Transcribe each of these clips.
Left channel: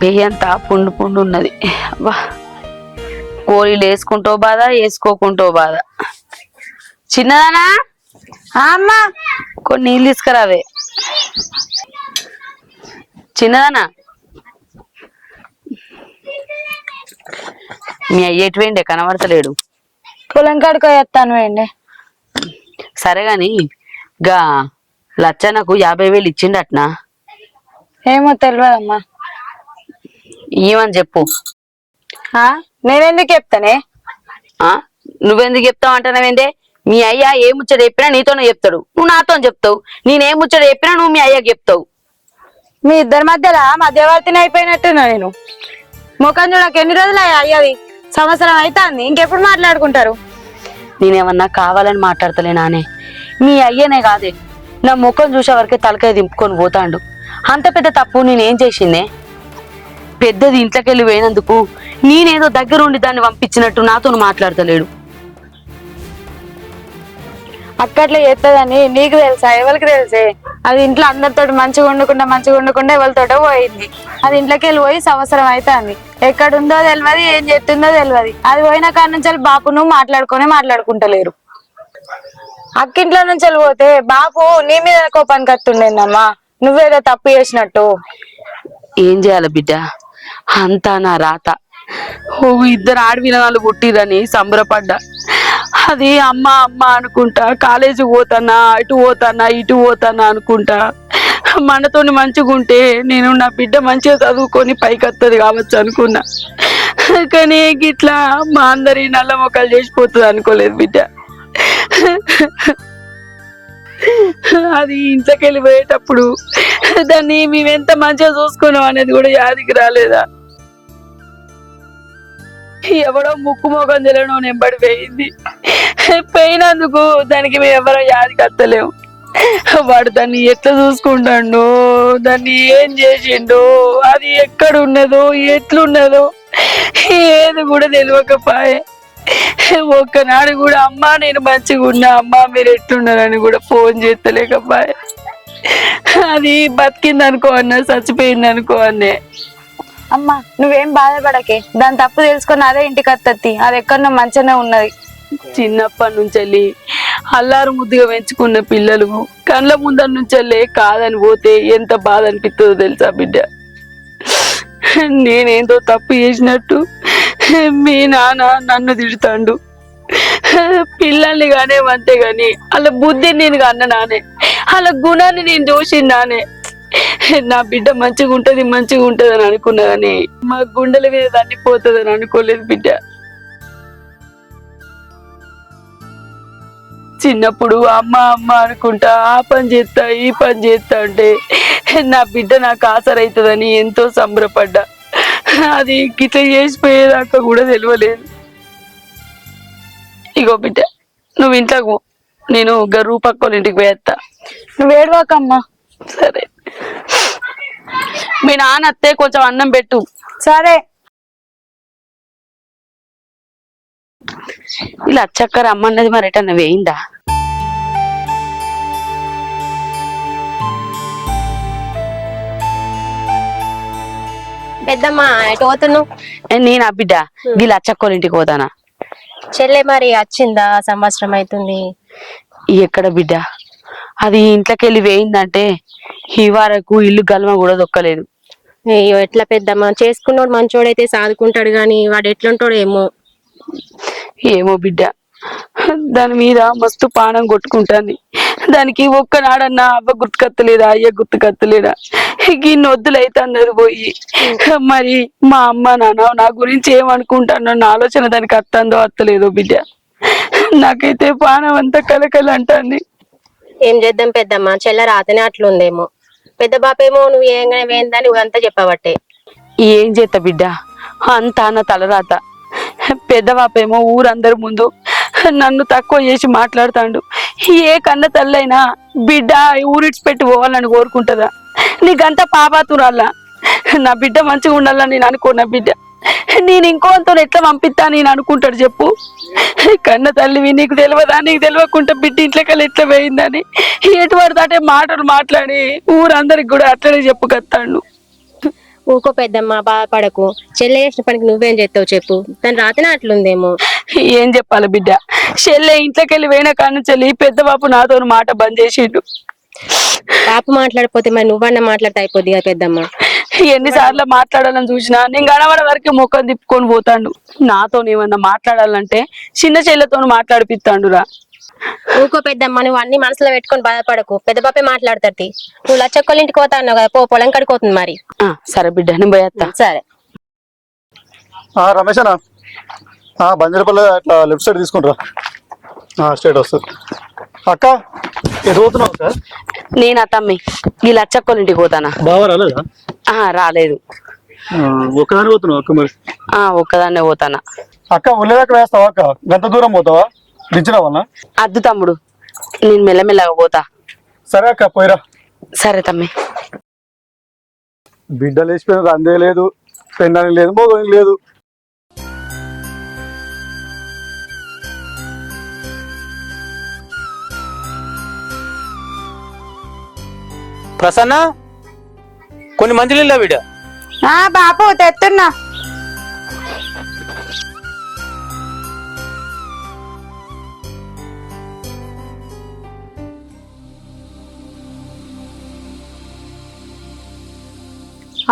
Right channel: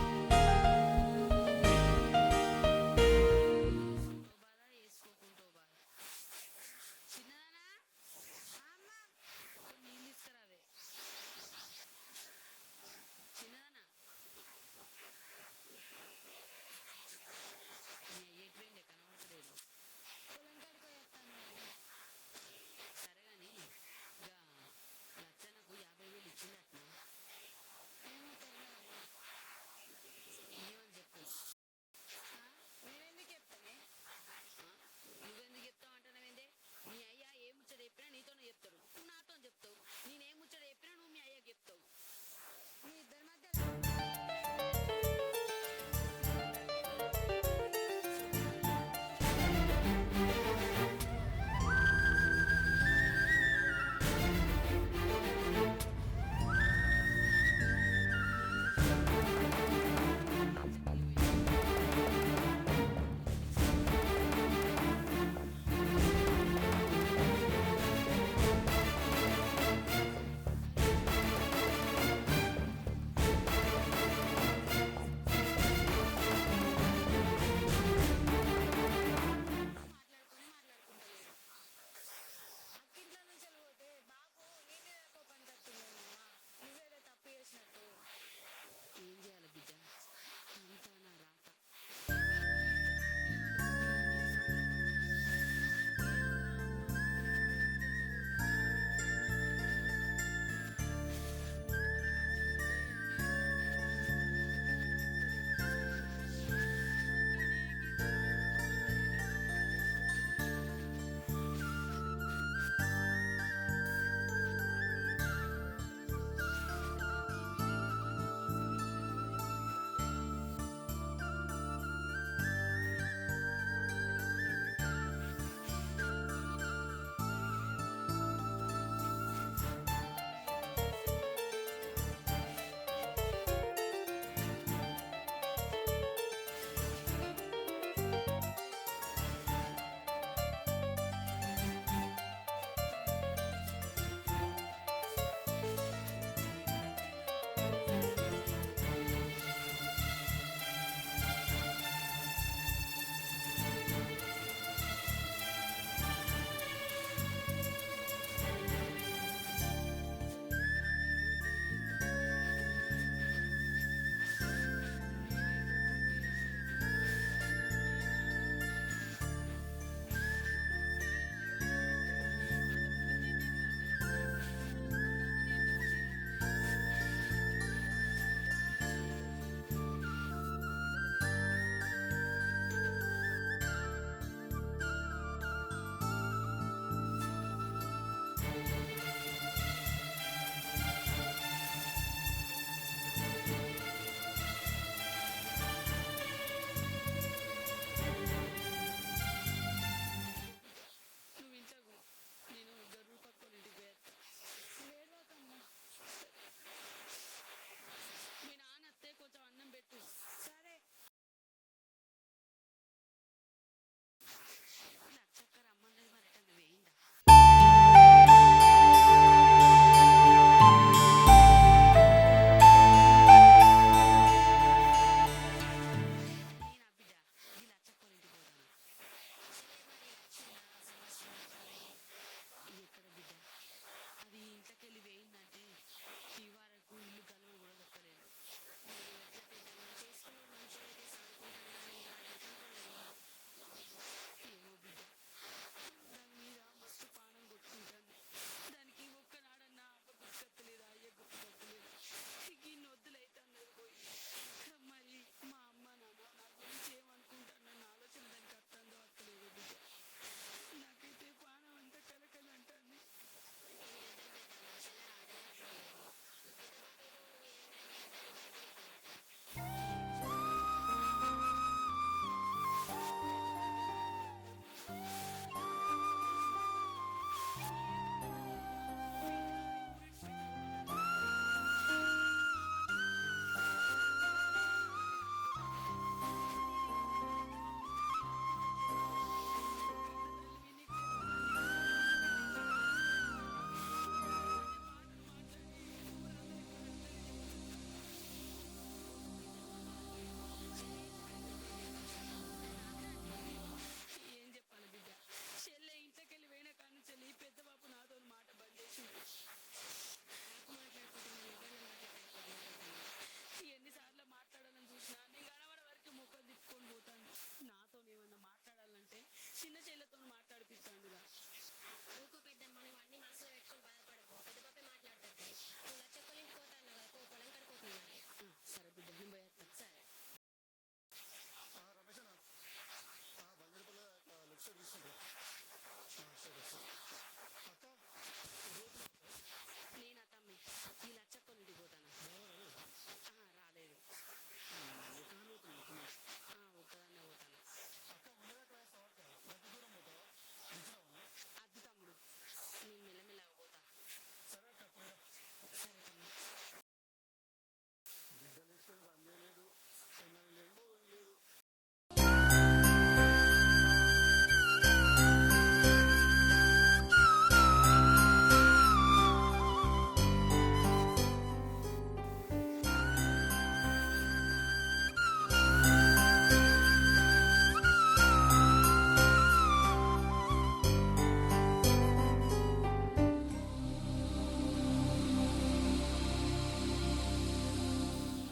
పెయ్యి అంతా పుండు పుండు ఉన్నది. అబ్బా, గోళీలు వేసుకుంటో బాధ, వేసుకోకుంటో బాధ. చిన్నదానా అమ్మ కొన్ని నీళ్ళు తీసుకురావే. చిన్నదానా, మీ అయ్యేటి వేయండి, కనబడతలేడు. పొలం కాడికి వేస్తాను వేయండి. సరే గాని గా లచ్చనకు 50,000 ఇచ్చిండట్నా? ఏమో తెలియదమ్మా. ఏమని చెప్పు. నేనెందుకు చెప్తానే? నువ్వెందుకు చెప్తావు అంటున్నావేందే? మీ అయ్య ఏ ముచ్చట చెప్పినా నీతోనే చెప్తాడు, నువ్వు నాతో చెప్తావు. నేనేం ముచ్చట చెప్పినా నువ్వు మీ అయ్యకి చెప్తావు. మీ ఇద్దరి మధ్యలో మధ్యవర్తిని అయిపోయినట్టున్నా నేను. ముఖం చూడక ఎన్ని రోజులు అయ్యది? సంవత్సరం అవుతుంది. ఇంకెప్పుడు మాట్లాడుకుంటారు? నేనేమన్నా కావాలని మాట్లాడతలేనానే? మీ అయ్యనే కాదే, నా ముఖం చూసే వరకే తలకాయ దింపుకొని పోతాండు. అంత పెద్ద తప్పు నేనేం చేసిందే? పెద్దది ఇంట్లోకెళ్ళి పోయినందుకు నేనేదో దగ్గరుండి దాన్ని పంపించినట్టు నాతో మాట్లాడతలేడు. అక్కట్లో చేస్తుందని నీకు తెలుసా? ఎవరికి తెలిసే? అది ఇంట్లో అందరితో మంచిగా ఉండకుండా ఎవరితోటో పోయింది. అది ఇంట్లోకి వెళ్ళి పోయి సంవత్సరం అవుతుంది. ఎక్కడుందో తెలియదు, ఏం చెప్తుందో తెలియదు. అది పోయిన కాడ నుంచి బాపు నువ్వు మాట్లాడుకుంటలేరు. అక్కింట్లో నుంచి వెళ్ళిపోతే బాపు నీ మీద కోపానికి వస్తుండేనమ్మా, నువ్వేదో తప్పు చేసినట్టు. ఏం చేయాలి బిడ్డ, అంతా నా రాత. ఇద్దరు ఆడవిలనాలు పుట్టిరని సంబరపడ్డా. అది అమ్మ అమ్మ అనుకుంటా కాలేజీ పోతానా, ఇటు పోతానా అనుకుంటా. మనతోని మంచిగా ఉంటే నేను నా బిడ్డ మంచిగా చదువుకొని పైకి వస్తుంది కావచ్చు అనుకున్నా. కానీ గిట్లా మా అందరి నల్ల మొక్కలు చేసిపోతుంది అనుకోలేదు బిడ్డ. అది ఇంట్లోకి వెళ్ళిపోయేటప్పుడు దాన్ని మేమెంత మంచిగా చూసుకున్నాం అనేది కూడా యాదికి రాలేదా? ఎవడో ముక్కు మొఖం తెలియడం నెంబడి పోయింది. పోయినందుకు దానికి మేము ఎవరో యాదికి వస్తలేము. వాడు దాన్ని ఎట్లా చూసుకుంటాడో, దాన్ని ఏం చేసిండో, అది ఎక్కడ ఉన్నదో, ఎట్లున్నదో ఏది కూడా తెలియకపోయే. ఒక్కనాడు కూడా అమ్మా నేను మంచిగా ఉన్నా, అమ్మా మీరు ఎట్లున్నారని కూడా ఫోన్ చేస్తలేకపోయే. అది బతికింది అనుకో అన్న, చచ్చిపోయింది అనుకో అన్నే. అమ్మా నువ్వేం బాధపడకే, దాని తప్పు తెలుసుకొని అదే ఇంటికి వత్తత్తి. అది ఎక్కడో మంచిగానే ఉన్నది. చిన్నప్పటి నుంచి అల్లారు ముద్దుగా పెంచుకున్న పిల్లలు కళ్ళ ముందర నుంచి కాదని పోతే ఎంత బాధ అనిపిస్తుందో తెలుసా బిడ్డ? నేనేందో తప్పు చేసినట్టు మీ నాన్న నన్ను తిడతాండు. పిల్లల్ని కానేవంతే గాని వాళ్ళ బుద్ధిని నేను అన్ననానే, వాళ్ళ గుణాన్ని నేను చూసినానే. నా బిడ్డ మంచిగా ఉంటది అని అనుకున్నా గాని మా గుండెల మీద తన్నిపోతుంది అని అనుకోలేదు బిడ్డ. చిన్నప్పుడు అమ్మ అమ్మ అనుకుంటా ఆ పని చేస్తా ఈ పని చేస్తా అంటే నా బిడ్డ నాకు ఆసరైతుందని ఎంతో సంబరపడ్డా. అది గిట్ల చేసిపోయేదాకా కూడా తెలియలేదు. ఇగో బిడ్డ, నువ్వు ఇంట్లోకు, నేను రూపక్కల ఇంటికి పోయేస్తా. నువ్వు ఏడవాకమ్మా. సరే, మీ నాన్న అత్తే కొంచెం అన్నం పెట్టు. సరే. ఇలా చక్కర అమ్మన్నది మరి ఎటన్నా వేయిందా? పెద్దమ్మ ఎటు పోతున్నావు? నేను ఆ బిడ్డ వీళ్ళు అచ్చక్కోళ్ళ ఇంటికి పోతానా. చెల్లె మరి వచ్చిందా? సంవత్సరం అవుతుంది. ఎక్కడ బిడ్డ, అది ఇంట్లోకి వెళ్ళి వేయిందంటే ఈ వరకు ఇల్లు గల్మ కూడా దొక్కలేదు. అయ్యో ఎట్లా పెద్దమ్మ, చేసుకున్నోడు మంచోడైతే సాదుకుంటాడు గాని వాడు ఎట్లుంటాడు ఏమో. ఏమో బిడ్డ, దాని మీద మస్తు పానం కొట్టుకుంటాంది. దానికి ఒక్కనాడన్నా అవ్వ గుర్తుకత్తలేదా, అయ్య గుర్తుకత్తలేదా? ఇన్ని వద్దులైతే అన్నది పోయి. మరి మా అమ్మ నాన్న నా గురించి ఏమనుకుంటానో నా ఆలోచన దానికి అత్తందో అత్తలేదో బిడ్డ. నాకైతే పానం అంతా కలకల అంటాంది. ఏం చేద్దాం పెద్దమ్మ, చెల్ల రాతనే అట్లుందేమో. పెద్ద బాపేమో నువ్వు ఏంగానే వేయిందని నువ్వంతా చెప్పబట్టే. ఏం చేస్తా బిడ్డ, అంతా నా తలరాత. పెద్దవాపేమో ఊరందరి ముందు నన్ను తక్కువ చేసి మాట్లాడుతాండు. ఏ కన్న తల్లైనా బిడ్డ ఊరిడ్చి పెట్టి పోవాలని కోరుకుంటుందా? నీకంతా పాపాతురాల్లా. నా బిడ్డ మంచిగా ఉండాలని నేను అనుకున్నా బిడ్డ. నేను ఇంకోతో ఎట్లా పంపిస్తా నేను అనుకుంటాడు చెప్పు? కన్న తల్లివి, నీకు తెలియదా? నీకు తెలియకుండా బిడ్డ ఇంట్లోకెళ్ళి ఎట్లా పోయిందని ఎటు పడితే మాటలు మాట్లాడి ఊరందరికి కూడా అట్లనే చెప్పుకొస్తాడు. ఊకో పెద్దమ్మ బాధపడకు. చెల్లె చేసిన పనికి నువ్వేం చేస్తావు చెప్పు. తను రాతనే అట్లుందేమో. ఏం చెప్పాలి బిడ్డ, చెల్లె ఇంట్లోకి వెళ్ళి పోయిన కాను చెల్లి పెద్ద బాపు నాతో మాట బంద్ చేసిండు. పాప మాట్లాడిపోతే మరి నువ్వన్నా మాట్లాడితే అయిపోద్ది కదా పెద్దమ్మ. ఎన్నిసార్లు మాట్లాడాలని చూసినా నేను గడవడ వరకు ముఖం తిప్పుకొని పోతాడు. నాతో ఏమన్నా మాట్లాడాలంటే చిన్న చెల్లెతో మాట్లాడిపిస్తాడురా. ఊకో పెద్దమ్మ, నువ్వు అన్ని మనసులో పెట్టుకొని బాధపడకు. పెద్ద పాపే మాట్లాడతాడు. నువ్వు లచ్చక్కల ఇంటికి పోతా అన్నావు కదా, పొలం కడిపోతుంది మరి. సరే బిడ్డ, నేను పోయేస్తా. సరే రమేష్ అన్న, బంజరపల్లి అట్లా లెఫ్ట్ సైడ్ తీసుకుంటారా, స్ట్రైట్ వస్తుంది. అక్క ఎటు పోతున్నావు అక్క? నేను అత్తమ్మి ఈ లచ్చక్కోళ్ళ ఇంటికి పోతానా. బాగా రాలేదా? రాలేదు. ఒక్కదాని పోతున్నావు అక్క? మరి ఒక్కదాన్నే పోతానా. అక్క ఉల్లేదాకా వేస్తావా అక్క? గంట దూరం పోతావా? దించిన వల్ల అద్దు తమ్ముడు, నేను మెల్లమెల్లగా పోతా. సరే అక్క పోయిరా. సరే తమ్మి. బిడ్డ లేచిపోయిన అందే లేదు, పెండని లేదు, మోగని లేదు. ప్రసన్న, కొన్ని మందులు బిడ్డ. బాపు తెస్తున్నా.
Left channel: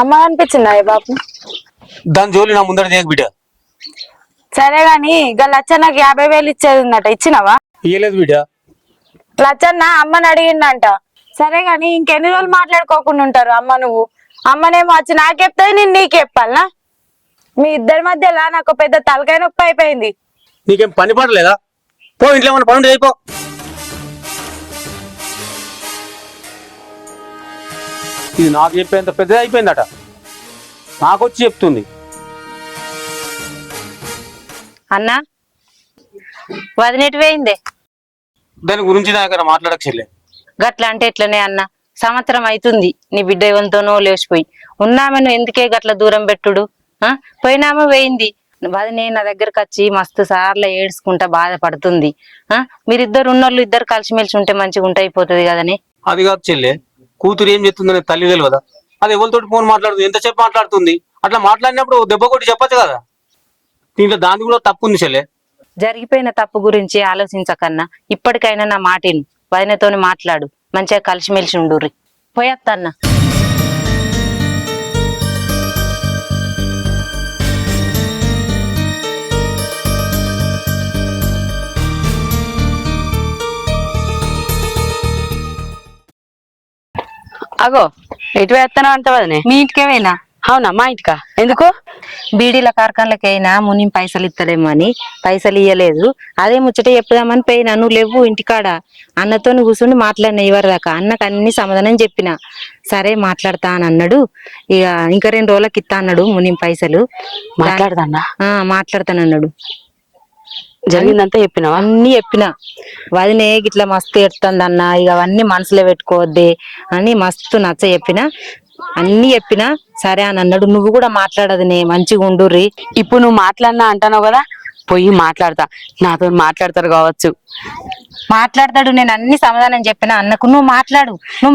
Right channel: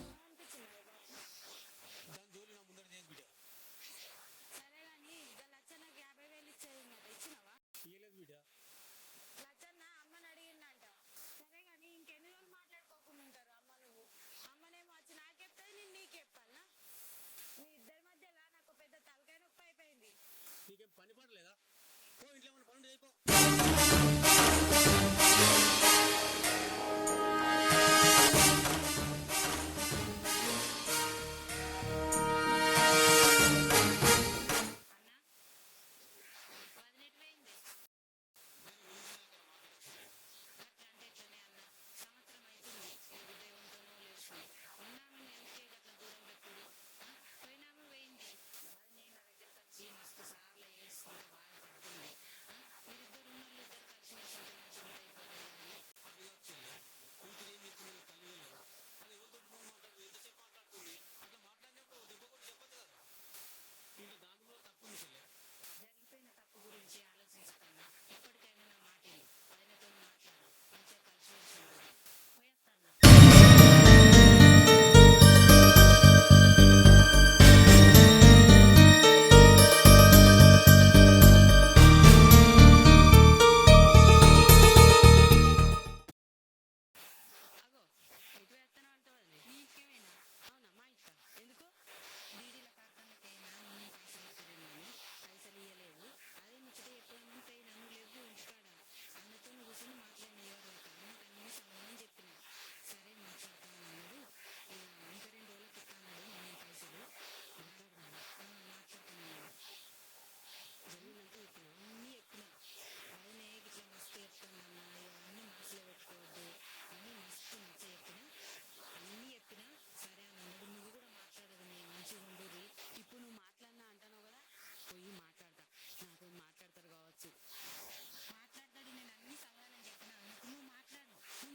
అమ్మ అనిపించిందా బాపు? దాని జోలి నా ముందర చేయకు బిడ్డ. సరే గాని ఇక లచ్చన్నకి 50,000 ఇచ్చేది ఉందట, ఇచ్చినవా? ఇయ్యలేదు బిడ్డ. లచ్చన్న అమ్మని అడిగిందంట. సరే గాని ఇంకెన్ని రోజులు మాట్లాడుకోకుండా ఉంటారు అమ్మ నువ్వు? అమ్మనేమో వచ్చి నాకు చెప్తాది, నేను నీకు చెప్పాలనా? మీ ఇద్దరి మధ్యలో నాకు పెద్ద తలకాయ నొప్పి అయిపోయింది. నీకేం పని పడలేదా? పో, ఇంట్లో ఏమన్నా పని అయిపో. ఇది నాకు చెప్పేంత పెద్దది అయిపోయిందట, నాకొచ్చి చెప్తుంది. అన్నా వదినెటు పోయిందే? దాని గురించి నా దగ్గర మాట్లాడక చెల్లె. గట్ల అంటే ఎట్లనే అన్న, సంవత్సరం అవుతుంది నీ బిడ్డ ఎవరితోనో లేచిపోయి. ఉన్నామెను ఎందుకే గట్ల దూరం పెట్టుడు? పోయినామె పోయింది. వదినే నా దగ్గరకు వచ్చి మస్తు సార్లు ఏడ్చుకుంటా బాధపడుతుంది. మీరిద్దరు ఉన్నోళ్ళు ఇద్దరు కలిసిమెలిసి ఉంటే మంచిగా ఉంటే అయిపోతుంది కదని. అది కాదు చెల్లె, కూతురు ఏం చెప్తుందని తల్లి తెలియదా? అది ఎవరితోటి ఫోన్ మాట్లాడుతుంది, ఎంతసేపు మాట్లాడుతుంది. అట్లా మాట్లాడినప్పుడు దెబ్బ కొట్టి చెప్పచ్చు కదా. దీంట్లో దాని కూడా తప్పు ఉంది చెల్లె. జరిగిపోయిన తప్పు గురించి ఆలోచించకన్నా ఇప్పటికైనా నా మాటిను, వదినతోని మాట్లాడు, మంచిగా కలిసిమెలిసి ఉండుర్రి. పోయేత్తన్నా. అగో ఎటు వేస్తానా అంట వదనే? మీ ఇంటికే పోయినా. అవునా, మా ఇంటికా? ఎందుకు? బీడీల కార్ఖానలకైనా ముని పైసలు ఇస్తలేమో అని పైసలు ఇయ్యలేదు. అదే ముచ్చట చెప్పుదామని పోయినా. నువ్వు లేవు ఇంటికాడ. అన్నతో కూర్చుని మాట్లాడినా ఇవరి దాకా. అన్నకు అన్ని సమాధానం చెప్పిన. సరే మాట్లాడతా అని అన్నాడు. ఇక ఇంకా 2 రోజులకి ఇస్తా అన్నాడు ముని పైసలు. మాట్లాడదాన్నా? మాట్లాడతానన్నాడు. జరిగిందంతా చెప్పినావా? అన్ని చెప్పిన. వదినే గిట్లా మస్తు ఎడుతుంది అన్న, ఇక అవన్నీ మనసులో పెట్టుకోవద్దే అని మస్తు నచ్చ చెప్పిన. అన్ని చెప్పినా సరే అని అన్నాడు. నువ్వు కూడా మాట్లాడదునే, మంచిగా ఉండుర్రి. ఇప్పుడు నువ్వు మాట్లాడినా అంటావు కదా, పోయి మాట్లాడతా. నాతో మాట్లాడతారు కావచ్చు. మాట్లాడతాడు. నేను అన్ని సమాధానం చెప్పిన అన్నకు. నువ్వు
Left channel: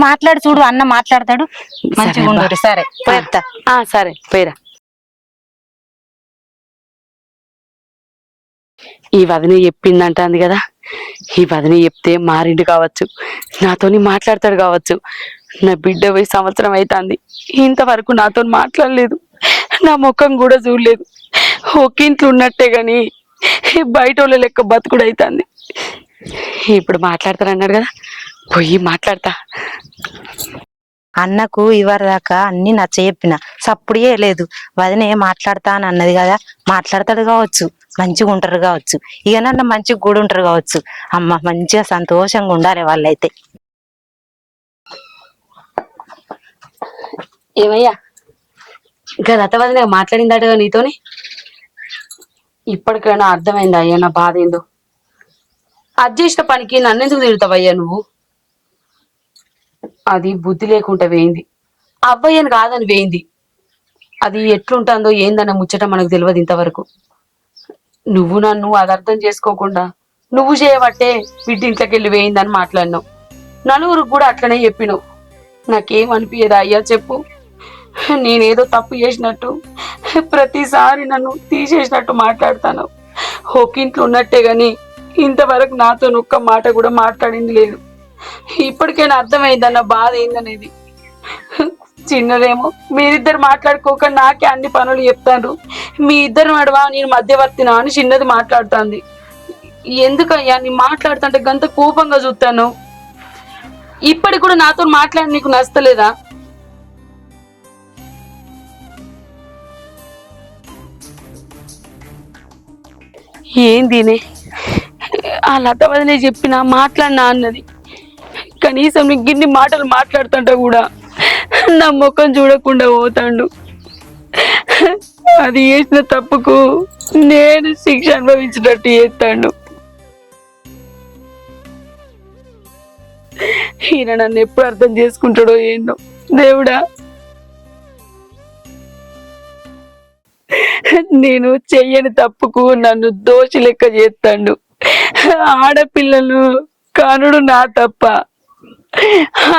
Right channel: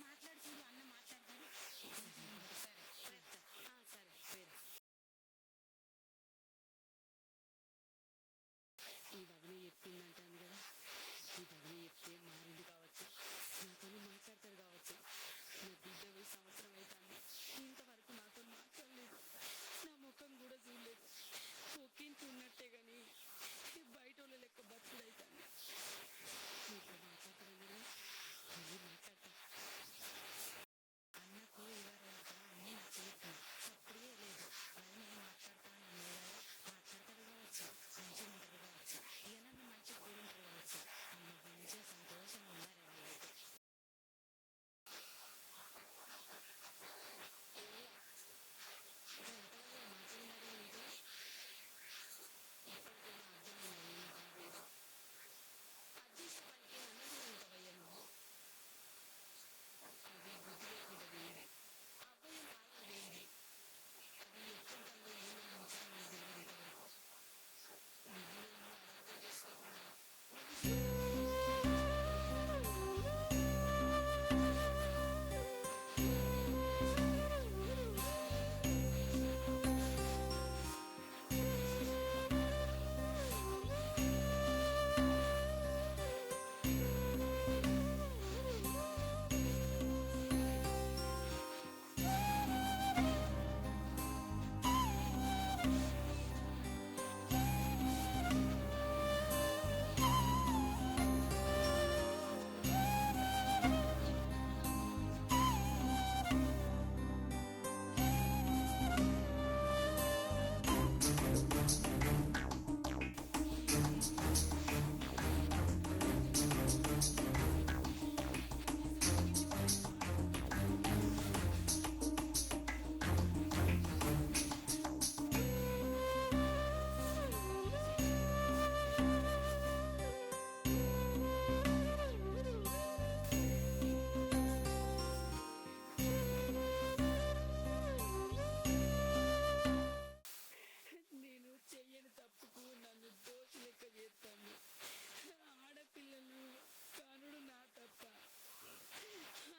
మాట్లాడు చూడు, అన్న మాట్లాడతాడు. మంచిగా ఉండుర్రి. సరే పోయేత్తా. సరే పోయిరా. ఈ వదిన చెప్పిందంటాంది కదా, ఈ వదిన చెప్తే మారిండు కావచ్చు, నాతోని మాట్లాడతాడు కావచ్చు. నా బిడ్డ పోయి సంవత్సరం అవుతుంది, ఇంతవరకు నాతో మాట్లాడలేదు, నా ముఖం కూడా చూడలేదు. ఒక్కింట్లో ఉన్నట్టే గాని బయట వాళ్ళ లెక్క బతుకుడు అవుతుంది. ఇప్పుడు మాట్లాడతారన్నాడు కదా, పోయి మాట్లాడతా. అన్నకు ఇవరి దాకా అన్ని నచ్చ చెప్పిన, సప్పుడే లేదు. వదినే మాట్లాడతా అని అన్నది కదా, మాట్లాడతాడు కావచ్చు, మంచిగా ఉంటారు కావచ్చు. ఇక నన్ను మంచిగా కూడా ఉంటారు కావచ్చు. అమ్మ మంచిగా సంతోషంగా ఉండాలి వాళ్ళైతే. ఏమయ్యా, ఇంకా లత వదిన మాట్లాడిందట నీతోని? ఇప్పటికైనా అర్థమైందా అయ్యా నా బాధ ఏందో? అది చేసిన పనికి నన్నెందుకు తిడతావయ్యా నువ్వు? అది బుద్ధి లేకుండా వేయింది, అవ్వయ్యని కాదని వేయింది. అది ఎట్లుంటుందో ఏందన్న ముచ్చట మనకు తెలియదు ఇంతవరకు. నువ్వు నన్ను అది అర్థం చేసుకోకుండా నువ్వు చేయబట్టే బిడ్డ ఇంట్లోకి వెళ్ళి వేయిందని మాట్లాడినావు. నలుగురికి కూడా అట్లనే చెప్పినావు. నాకేం అనిపించదా అయ్యా చెప్పు? నేనేదో తప్పు చేసినట్టు ప్రతిసారి నన్ను తీసేసినట్టు మాట్లాడతాను. ఒక ఇంట్లో ఉన్నట్టే గాని ఇంతవరకు నాతో ఒక్క మాట కూడా మాట్లాడింది లేదు. ఇప్పటికైనా అర్థమైందన్న బాధ ఏందనేది. చిన్నదేమో మీరిద్దరు మాట్లాడుకోక నాకే అన్ని పనులు చెప్తాను. మీ ఇద్దరు నడవా నేను మధ్యవర్తినా అని చిన్నది మాట్లాడుతుంది. ఎందుకయ్యా నీ మాట్లాడుతుంటే గంత కోపంగా చూస్తాను. ఇప్పటికి కూడా నాతో మాట్లాడి నీకు నచ్చలేదా? ఏంది ఆ లత వదిలే చెప్పినా మాట్లాడినా అన్నది. కనీసం నీకు గిన్ని మాటలు మాట్లాడుతుంటా కూడా నా ముఖం చూడకుండా పోతాడు. అది చేసిన తప్పుకు నేను శిక్ష అనుభవించినట్టు చేస్తాడు. ఈయన నన్ను ఎప్పుడు అర్థం చేసుకుంటాడో ఏందో దేవుడా. నేను చెయ్యని తప్పుకు నన్ను దోషి లెక్క చేస్తాడు. ఆడపిల్లలు కనుడు నా తప్ప,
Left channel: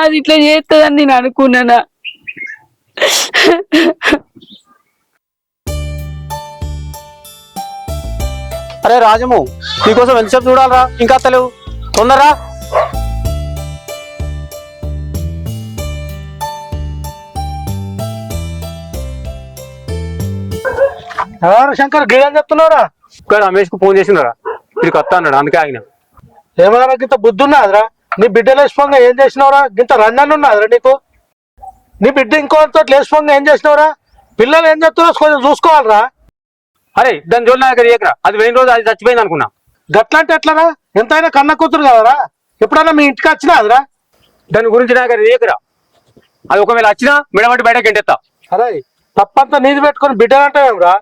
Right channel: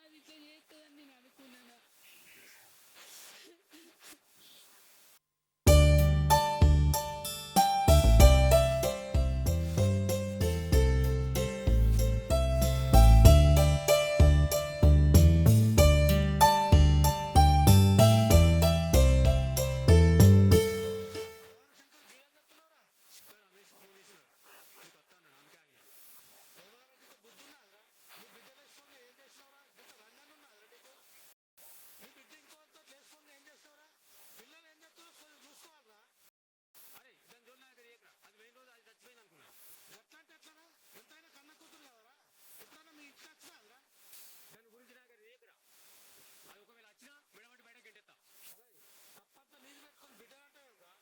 అది ఇట్లా చేస్తుందని నేను అనుకున్నానా? అరే రాజము, నీకోసం ఎంతసేపు చూడాలరా? ఇంకా అత్తలేవు, తొందరరా. శంకర్ గిడని చెప్తున్నావురా? రమేష్ కు ఫోన్ చేసినారా, వీడికి వస్తా అన్నాడు, అందుకే ఆగిన. ఏమన్నా గింత బుద్ధి ఉన్నదిరా? నీ బిడ్డ లేచిపోగా ఏం చేసినవరా? గింత రన్నన్ ఉన్నదిరా నీకు? నీ బిడ్డ ఇంకోతో లేచిపోగా ఏం చేసినవరా? పిల్లలు ఏం చెప్తున్నారో కొంచెం చూసుకోవాలరా. అరే దాని జోలి నా దగ్గర ఏకరా, అది పోయిన రోజు అది చచ్చిపోయింది అనుకున్నా. గట్లంటే ఎట్లరా? ఎంతైనా కన్న కూతురు కదరా? ఎప్పుడన్నా మీ ఇంటికి వచ్చినా అదిరా? దాని గురించి నా దగ్గర ఏకరా, అది ఒకవేళ వచ్చినా మెడబట్టి బయటకి ఎంటెత్తా. అరే తప్పంతా నీది పెట్టుకొని బిడ్డలంటే ఏమరా?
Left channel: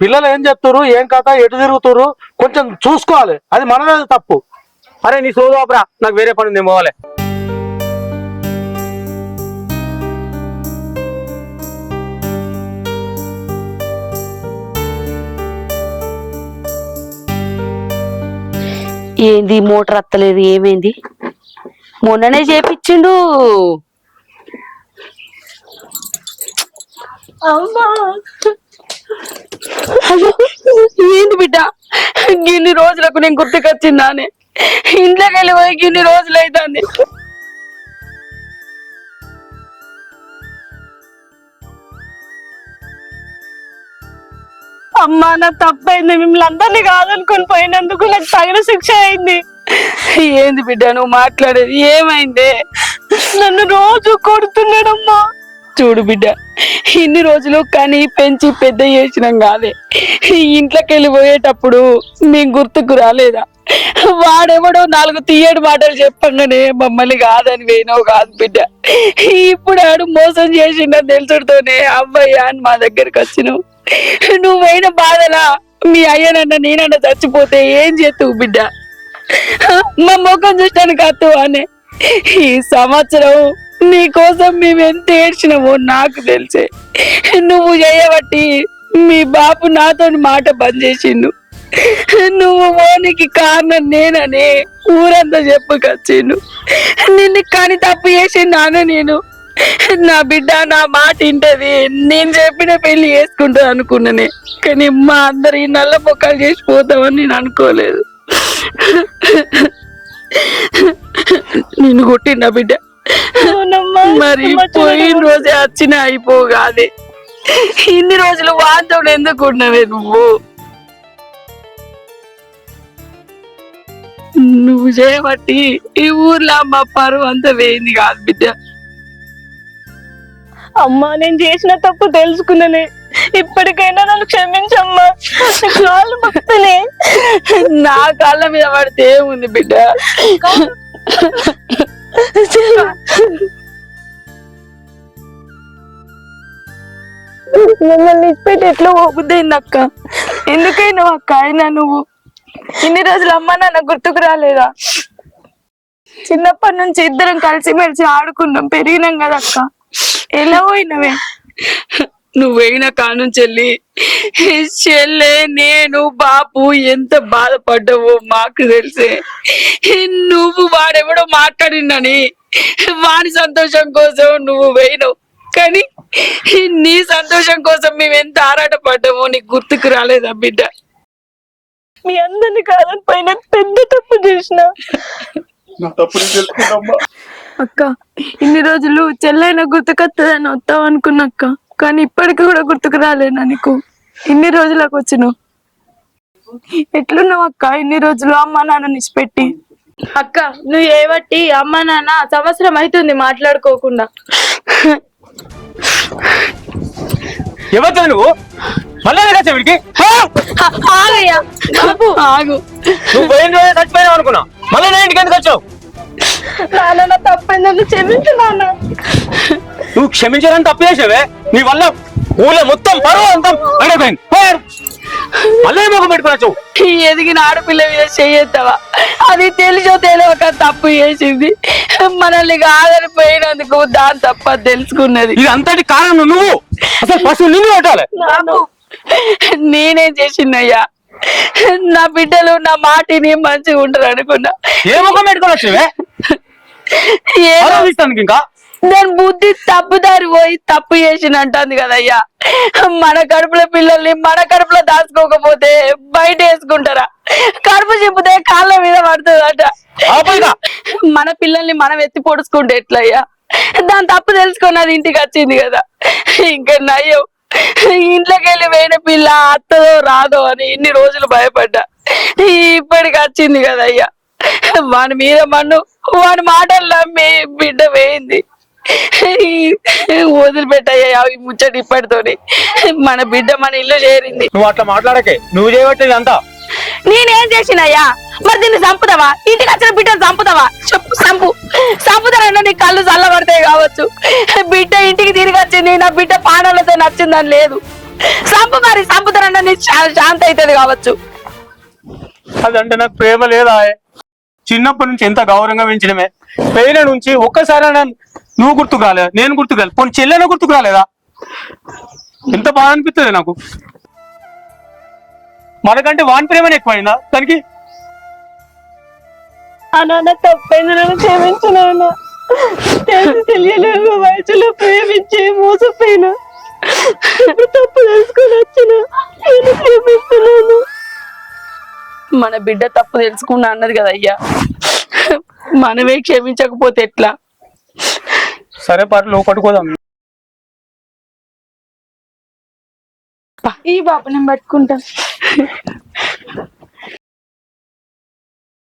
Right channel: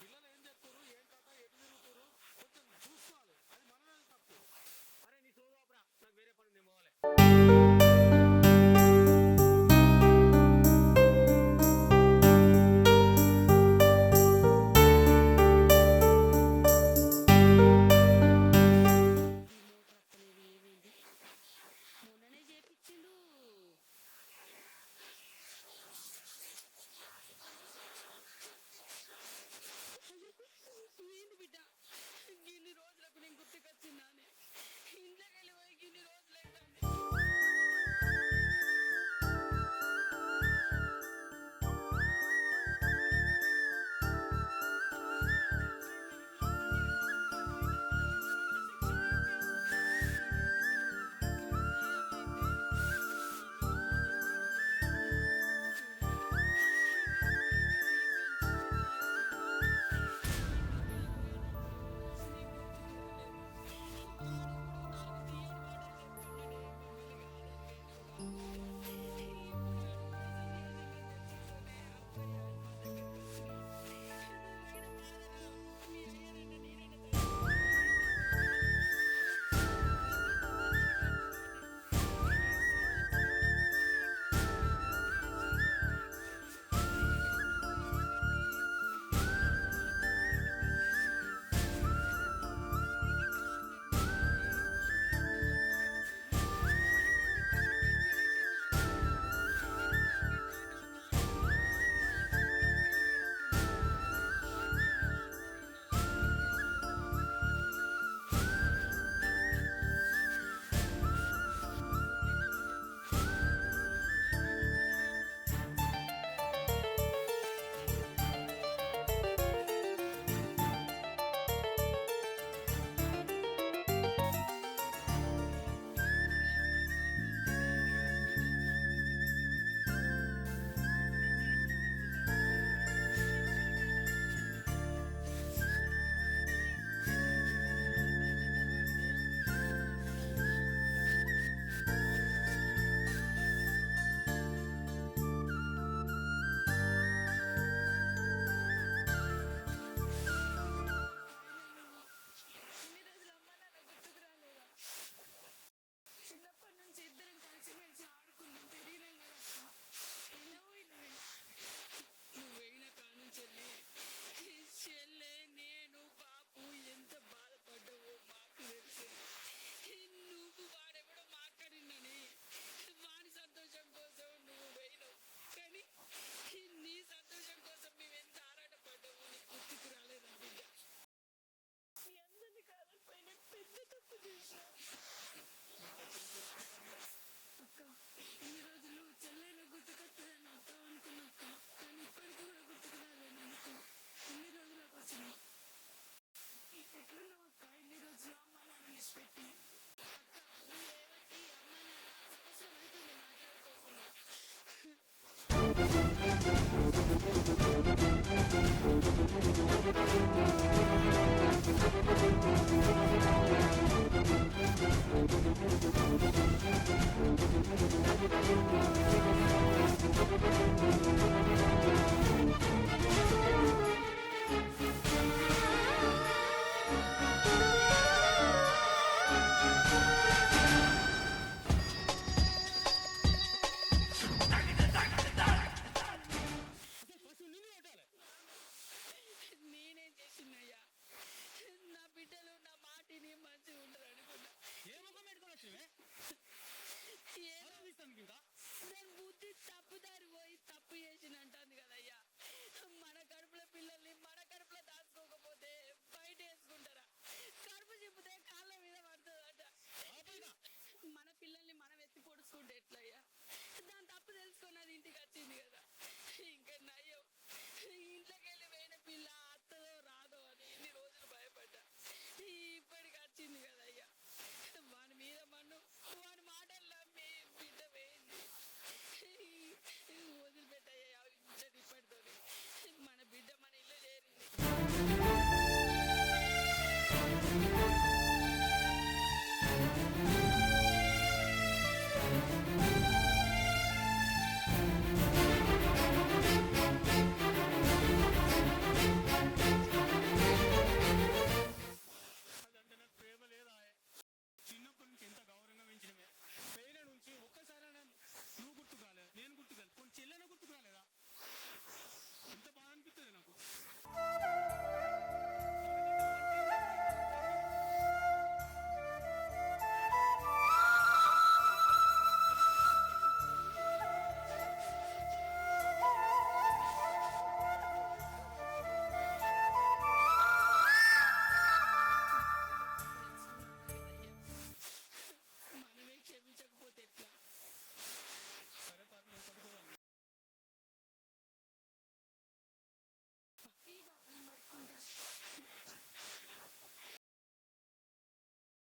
పిల్లలు ఏం చెప్తురు, ఏం కథ, ఎటు తిరుగుతురు కొంచెం చూసుకోవాలి. అది మనదే తప్పు. అరే నీ సోదు ఆపరా, నాకు వేరే పని ఉంది, పోవాలి. ఏంది మోటార్ అత్తలేదు? ఏమైంది? మొన్ననే చేపించిండు. ఏంది బిడ్డ గిన్ని రోజులకు నేను గుర్తుకొచ్చిందానే? ఇంట్లోకి వెళ్ళి పోయి గిన్ని రోజులు అవుతుంది. అమ్మా నా తప్పైంది. మిమ్మల్ని అందరినీ కాదనుకొని పోయినందుకు నాకు తగిన శిక్ష అయింది. ఏంది బిడ్డ నువ్వు మాట్లాడేది? ఏమైంది? నన్ను రోజు కొడుతున్నాడమ్మా. చూడు బిడ్డ, ఇన్ని రోజులు కానీ పెంచి పెద్ద చేసినాం కాదే. ఇంట్లోకి వెళ్ళి పోయేటప్పుడు మీకు గుర్తుకు రాలేదా? వాడెవడో 4 తీయడు మాటలు చెప్పంగానే మమ్మల్ని కాదని పోయినావు కాదు బిడ్డ. ఇప్పుడు ఆడు మోసం చేసిండని తెలుసుడుతోనే అవ్వయ్యా అని మా దగ్గరకు వచ్చినావు. నువ్వైన బాధలా మీ అయ్యనన్న నేనన్న చచ్చిపోతే ఏం చేస్తావు బిడ్డ? మా ముఖం చూస్తానికి అత్తు అనే. ఈ సంవత్సరం నీ కోసం మేము ఎంత ఏడ్చినామో నాకు తెలిసే. నువ్వు చేయబట్టి మీ బాపు నాతో మాట బంద్ చేసిండు. నువ్వు ఓనికి కారణం నేనని ఊరంతా చెప్పుకొచ్చిండు. నిన్ను కానీ తప్పు చేసిందాను నేను. నా బిడ్డ నా మాట వింటది, నేను చెప్పిన పెళ్లి చేసుకుంటా అనుకున్నానే. కానీ మా అందరి నల్ల మొక్కలు చేసి పోతామని నేను అనుకోలేదు. నిన్ను కొట్టిండా బిడ్డ? మరి పోయిన రోజే వచ్చిన అయిపోగాదే. ఇన్ని రోజులు వాంతో ఎందుకు ఉన్నావే నువ్వు? నువ్వు చేయబట్టి ఈ ఊర్లో మా పరువు అంతా వేయింది కాదు బిడ్డ. అమ్మా నేను చేసిన తప్పు తెలుసుకున్నానే. ఇప్పటికైనా నన్ను క్షమించమ్మా. కాళ్ళు మొక్కుతానే. నా కాళ్ళ మీద పడితే ఏముంది బిడ్డ? మిమ్మల్ని ఇచ్చిపెట్టి ఎట్లా పోబుద్దయింది అక్క? ఎందుకైనా అక్క అయినా నువ్వు ఇన్ని రోజులు అమ్మ నాన్న గుర్తుకు రాలేదా? చిన్నప్పటి నుంచి ఇద్దరం కలిసిమెలిసి ఆడుకున్నాం, పెరిగినాం కదా అక్క. ఎలా పోయినవే? నువ్వైన కానుంచెల్లి చెల్లె నేను బాపు ఎంత బాధపడ్డావో మాకు తెలిసే. నువ్వు వాడెవడో మాట్లాడిందని వాడి సంతోషం కోసం నువ్వు పోయినావు. కానీ నీ సంతోషం కోసం మేము ఎంత ఆరాటపడ్డామో నీకు గుర్తుకు రాలేదా బిడ్డ? మీ అందరిని కాదని పైన పెద్ద తప్పు చేసిన. నా తప్పు నేను తెలుసుకున్నామ్మా. అక్క ఇన్ని రోజులు చెల్లైన గుర్తుకొస్తుందని వస్తావు అనుకున్నాక్క, కానీ ఇప్పటికి కూడా గుర్తుకు రాలేనా నీకు? ఇన్ని రోజులకు వచ్చినావు. ఎట్లున్నావు అక్క ఇన్ని రోజులు అమ్మ నాన్న నిష్పెట్టి? అక్క నువ్వు ఏవట్టి అమ్మ నాన్న సంవత్సరం అవుతుంది మాట్లాడుకోకుండా. ఎవరు నువ్వు? మళ్ళీ వీడికి ఆగయ్యా బాబు ఆగు. నువ్వు పోయిన రోజే చచ్చిపోయావు అనుకున్నా, మళ్ళీ నా ఇంటికి ఎందుకు వచ్చావు? నాన్న తప్పైందని క్షమించు నాన్న. నువ్వు క్షమించాలని తప్పు చేసావే, నీ వల్ల ఊళ్ళో మొత్తం పరువు అంతా అడిగిపోయింది. మళ్ళీ మొక్క పెట్టుకోవచ్చు. ఈ ఎదిగిన ఆడపిల్ల మీద చేయొద్దావా? అది తెలిసో తెలియక తప్పు చేసింది. మనల్ని కాదని పోయినందుకు దాని తప్ప తెలుసుకున్నది. ఇది అంతటి కారణం నువ్వు. అసలు పశువు నిన్ను కొట్టాలి. నేనేం చేసిందయ్యా? నా బిడ్డలు నా మాటిని మంచిగా ఉంటారు అనుకున్నా. ఏ ముఖం పెట్టుకోవచ్చువే? ఆలోచిస్తానికి ఇంకా దాని బుద్ధి తప్పుదారి పోయి తప్పు చేసినంటుంది కదయ్యా. మన కడుపులో పిల్లల్ని మన కడుపులో దాచుకోకపోతే బయట వేసుకుంటారా? కడుపు చెప్పుతే కాళ్ళ మీద పడుతుందట. మన పిల్లల్ని మనం ఎత్తి పొడుచుకుంటే ఎట్లయ్యా? దాని తప్పు తెలుసుకొని అది ఇంటికి వచ్చింది కదా. ఇంకా నయ్యో ఇంట్లోకి వెళ్ళి వేయిన పిల్ల అత్తదో రాదో అని ఇన్ని రోజులు భయపడ్డా. ఇప్పటికి వచ్చింది కదయ్యా. వాని మీద మన్ను వాని మాటలు నమ్మి బిడ్డ వేయింది. వదిలిపెట్టయ్యా ఈ ముచ్చట ఇప్పటితోని. మన బిడ్డ మన ఇల్లు చేరింది. నువ్వు అట్లా మాట్లాడకే, నువ్వు చేయబట్టేది అంతా. నేనేం చేసినయ్యా? మరి దీన్ని చంపుతావా? ఇంటికి వచ్చిన బిడ్డను చంపుతావా? చెప్పు, చంపుతానన్నా నీ కళ్ళు చల్లబడతాయి కావచ్చు. బిడ్డ ఇంటికి తిరిగి వచ్చింది, నా బిడ్డ పానాలతో నచ్చిందని లేదు. మరి చంపుతానన్నా నీ శాంతి అవుతుంది కావచ్చు. అదంటే నాకు ప్రేమ లేదా? చిన్నప్పటి నుంచి ఎంత గౌరవంగా పెంచడమే, పెయిన నుంచి ఒక్కసారి నువ్వు గుర్తుకు రాలేదు, నేను గుర్తుకు రాలేదు, పోనీ చెల్లెన గుర్తుకు రాలేదా? ఎంత బాగా అనిపిస్తుంది నాకు. మనకంటే వాని ప్రేమనే ఎక్కువైందా దానికి? నాన్న తప్పైంది, నన్ను క్షమించు నాన్న. తెలియలేదు వయసులో ప్రేమించి మోసపోయినా. ఇప్పుడు తప్పు తెలుసుకొని వచ్చిన క్షమిస్తున్నాను. మన బిడ్డ తప్పు తెలుసుకున్నా అన్నది కదా అయ్యా. మనమే క్షమించకపోతే ఎట్లా? సరే పర్లేదు, లోపలికి పోదాం. ఈ బాబు నేను పట్టుకుంటా.